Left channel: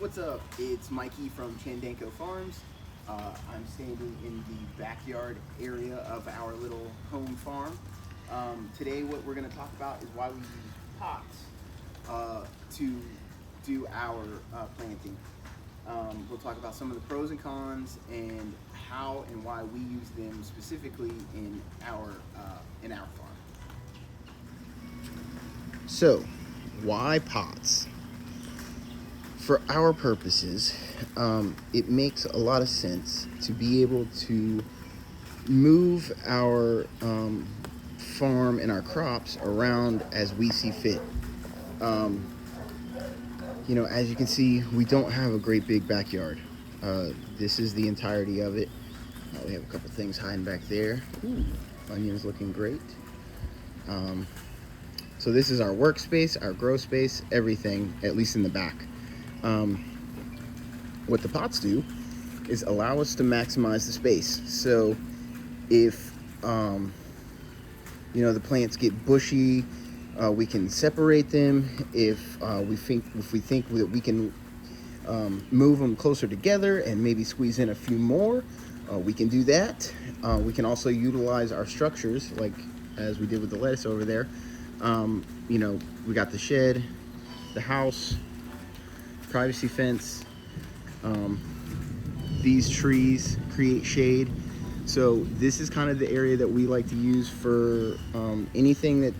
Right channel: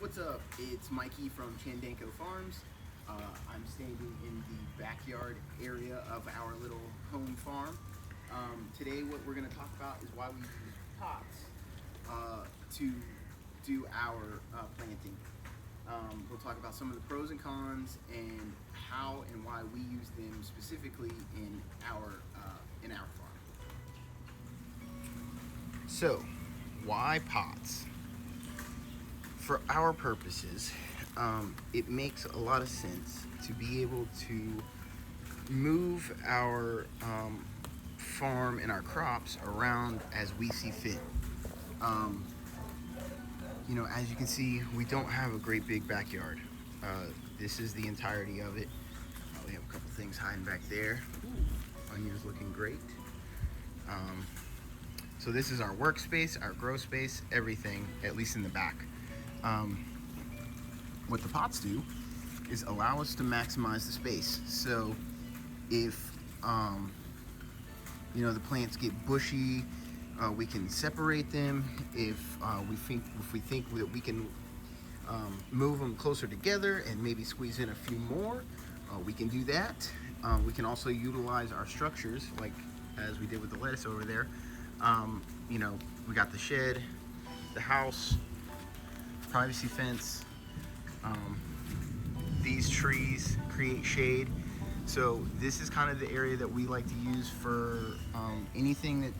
What's up? It's Mikey from Chandanko Farms. I'm standing in the backyard area of our little home farm. Today what we're going to talk about is why we use pots to do our planting. We'll talk about some of the pros and cons and how and why we use them specifically in our farm. So, why pots? For our purposes, it makes a lot of sense to be able to move our farm and our crops around as we see fit. As you can see, we don't have a great big backyard. This is the entirety of it. We have a couple things hiding back there. Onions looking great. So this is our workspace, our grow space, everything, at least in the back. What the pots do is allow us to maximize the space. So if the plants get bushy, we can separate them. If we think that we can move them closer together and maybe squeeze in a few more, we can do that. We can also utilize our structures, like as we did with the lettuce over there. We got the shed, the house, privacy fence. These trees create shade. So this is kind of the area that we like to use for anything that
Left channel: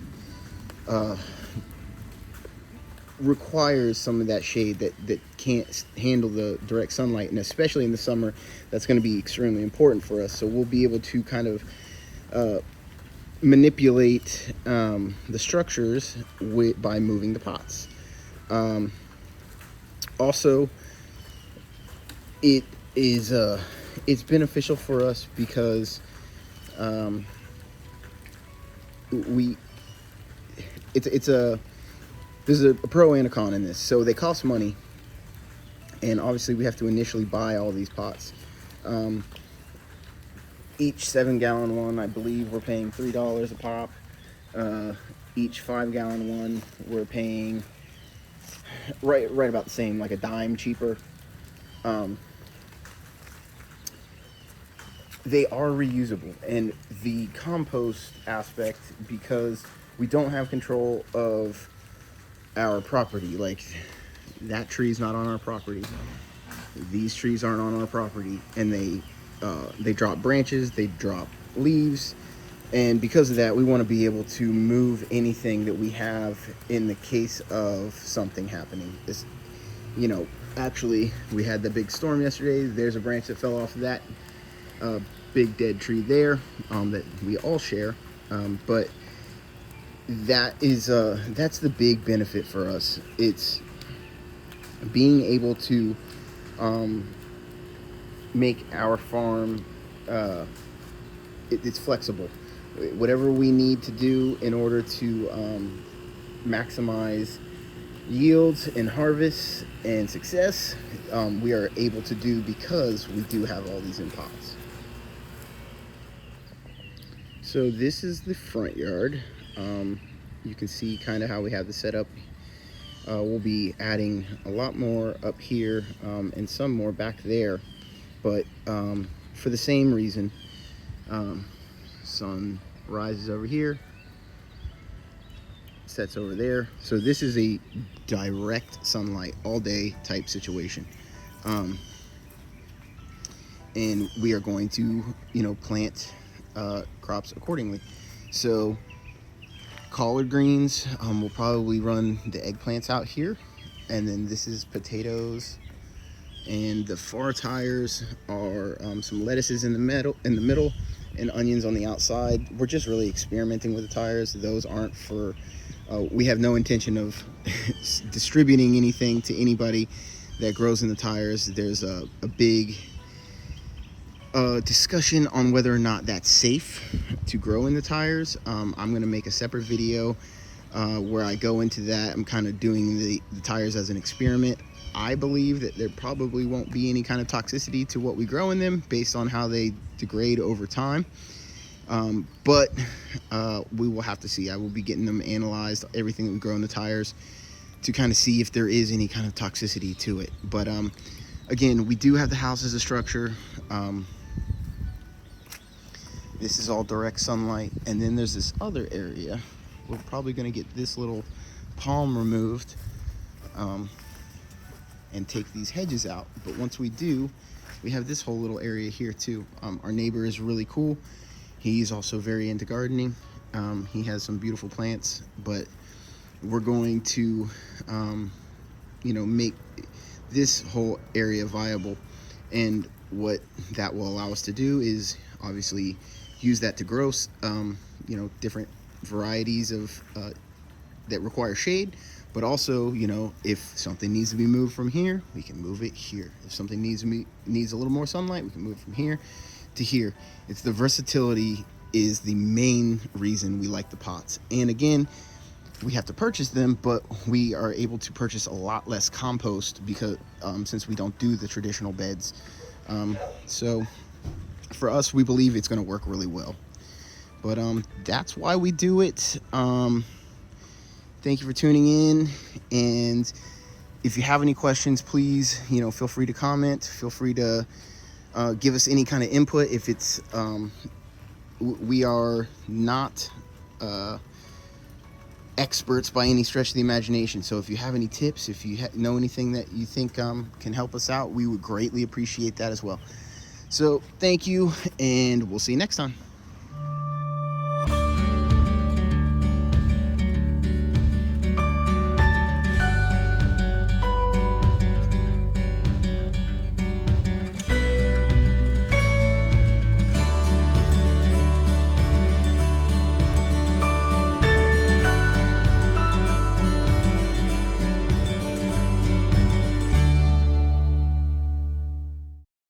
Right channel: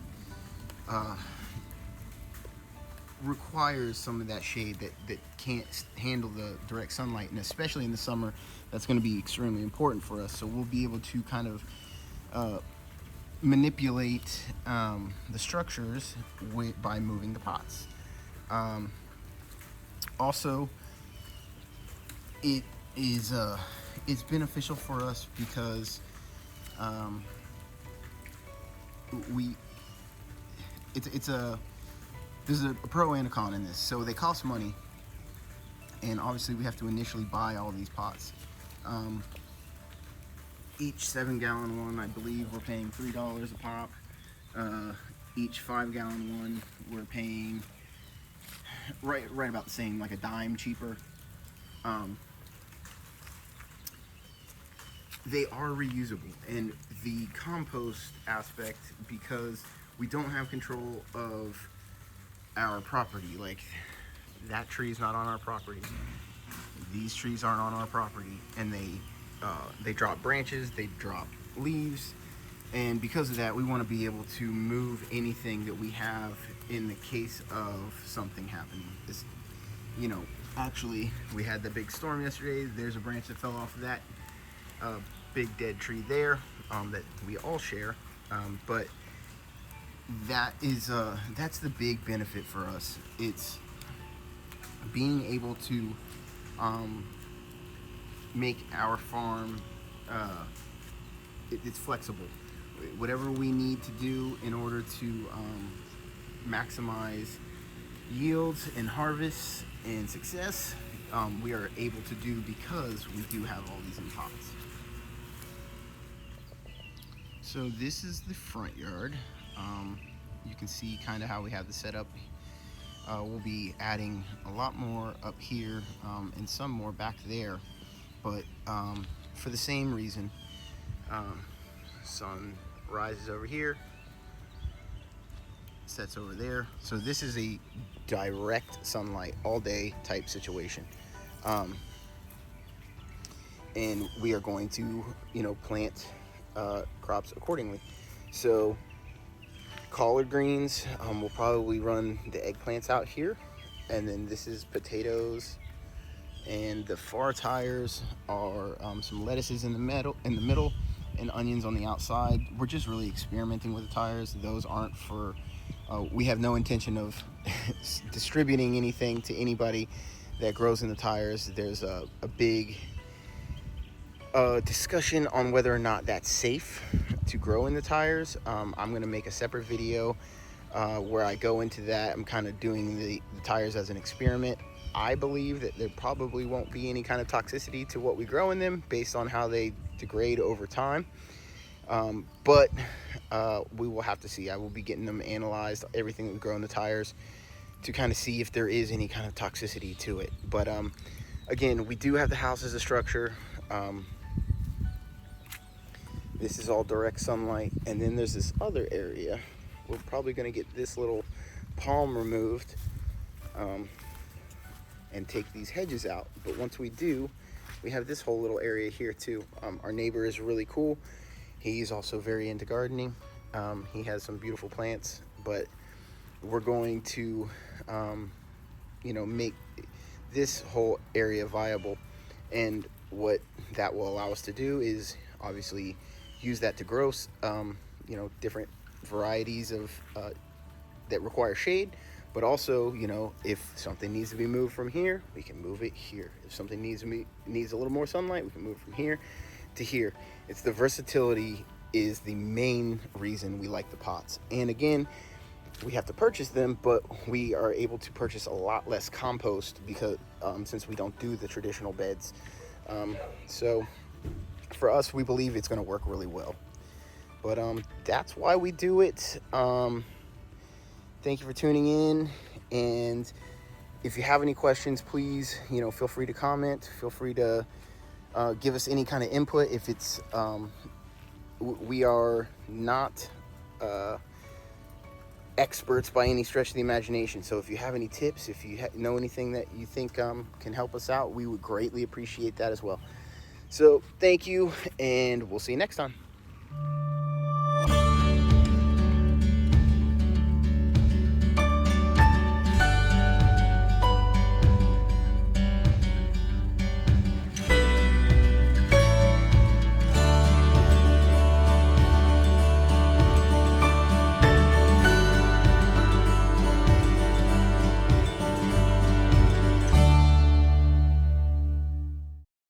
requires some of that shade that can't handle the direct sunlight, and especially in the summer, that's going to be extremely important for us. So we'll be able to kind of manipulate the structures by moving the pots. Also, it's beneficial for us because there's a pro and a con in this. So they cost money, and obviously we have to initially buy all these pots. Each 7-gallon one, I believe we're paying $3 a pop. Each 5-gallon one, we're paying right about the same, like a dime cheaper. They are reusable, and the compost aspect, because we don't have control of our property. Like, that tree's not on our property, these trees aren't on our property, and they drop branches, they drop leaves, and because of that, we want to be able to move anything that we have in the case of something happening. Actually, we had the big storm yesterday. There's a branch that fell off of that big dead tree there that we all share, but that's the big benefit for us. It's being able to make our farm it's flexible. Whatever we need to do in order to maximize yields and harvests and success, we are able to do because we do have all these in pots. So this is the front yard. You can see kind of how we have the setup. We'll be adding a lot more up here and some more back there, but for the same reason. Sun rises over here, sets over there. So this is a direct sunlight all day type situation. And we are going to, plant crops accordingly. So collard greens, we'll probably run the eggplants out here, and then this is potatoes, and the far tires are some lettuces in the middle, and onions on the outside. We're just really experimenting with the tires. Those aren't for we have no intention of distributing anything to anybody that grows in the tires. There's a big discussion on whether or not that's safe to grow in the tires. I'm going to make a separate video where I go into that. I'm kind of doing the tires as an experiment. I believe that there probably won't be any kind of toxicity to what we grow in them based on how they degrade over time. But we will have to see. I will be getting them analyzed, everything that we grow in the tires, to kind of see if there is any kind of toxicity to it. But again, we do have the house as a structure. This is all direct sunlight, and then there's this other area. We're probably going to get this little palm removed and take these hedges out. But once we do, we have this whole little area here too. Our neighbor is really cool. He's also very into gardening. He has some beautiful plants, but we're going to make this whole area viable. And what that will allow us to do is obviously use that to grow different varieties of that require shade, but also, if something needs to be moved from here, we can move it here. If something needs a little more sunlight, we can move from here to here. It's the versatility is the main reason we like the pots. And again, we have to purchase them, but we are able to purchase a lot less compost because since we don't do the traditional beds. So for us, we believe it's going to work really well. But that's why we do it. Thank you for tuning in, and if you have any questions, please feel free to comment. Feel free to give us any kind of input. If it's we are not experts by any stretch of the imagination, so if you have any tips, if you know anything that you think can help us out, we would greatly appreciate that as well. So thank you, and we'll see you next time.